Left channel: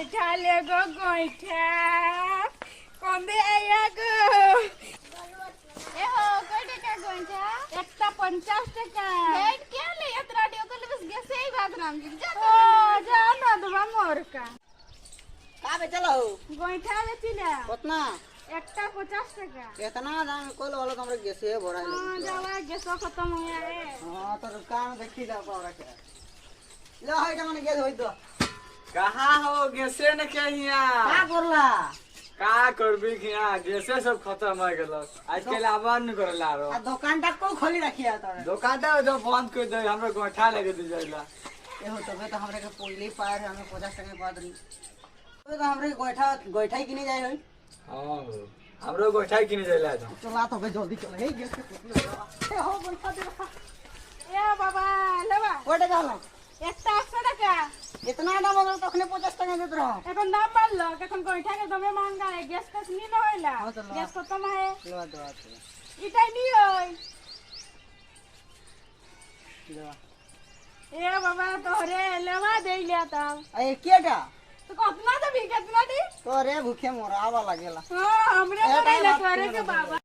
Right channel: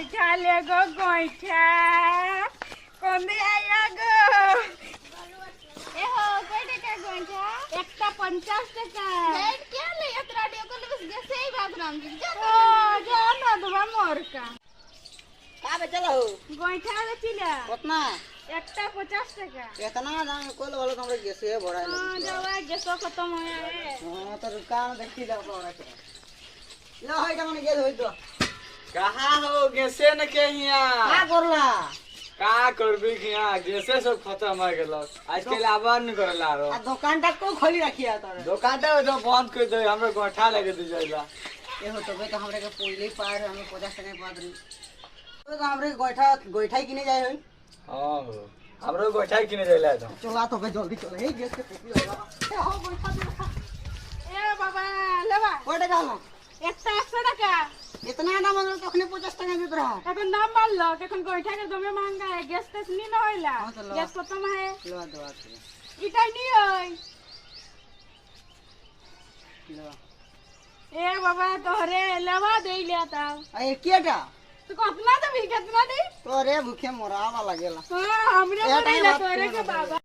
গোইঠা লে গো গোইঠা কোন দে আইয়া গো এ হো কয় টাকা গোইঠা একটা 50 টাকা হেড কে লে এত রাডিও করলে বস গেছেই ভাগরাম ও জানো দবা মোরকা কাবে চলো গোইঠা বেচিলা কতনা একটা 50 টাকা কেतना দাম কইলো হলো তোমরা গেছে ভরাই লাগি বাবা গেছো খতম হয়ে আয়ে हां तो दुकान देखी जाओ पावरा के लो होय কেমন গেল হই তো कहाँ हो गैसे न के यहाँ का करला का करबी कि यहाँ गैसे सब खत्म हो गेल आजकल आबार नहीं करला रो आ दुकानटा को खोली रखिया तोरे दुकान तो बंद कर दे हमरा गोठा लगे दे जाइला ए हो तो तो हमरे के पहिले पार हमें 50 टका पादरी तो हमरे गोइठाई किने जाय होई हां हो हमरो गोठा किने जाइला तो चला तो बे जल्दी चल हे गेस के पुतला ए हो गोइठा दे এ বাবা লেবা কয় টাকা হলো একটা 100 টাকা इतना दाम হলো তখনে 50 টাকা দিত রহ এখন দাম বাড়লো এখন গোইঠাকে দমে মাঙ্গা গ্যাস টেস নি না হইলা হ্যাঁ তো লো। গ্যাস খতম হয় লো দাও আছে ইটাই দিই দাও এ বাবা তোরে লেবা দেইলা তাও ए केटा তো কতনা দেবি কতনা দেই तोरे भूखे मरावा लागेला হ্যাঁ আমরা এটাই দেইলা বাত তোরে করে কে না। বাবা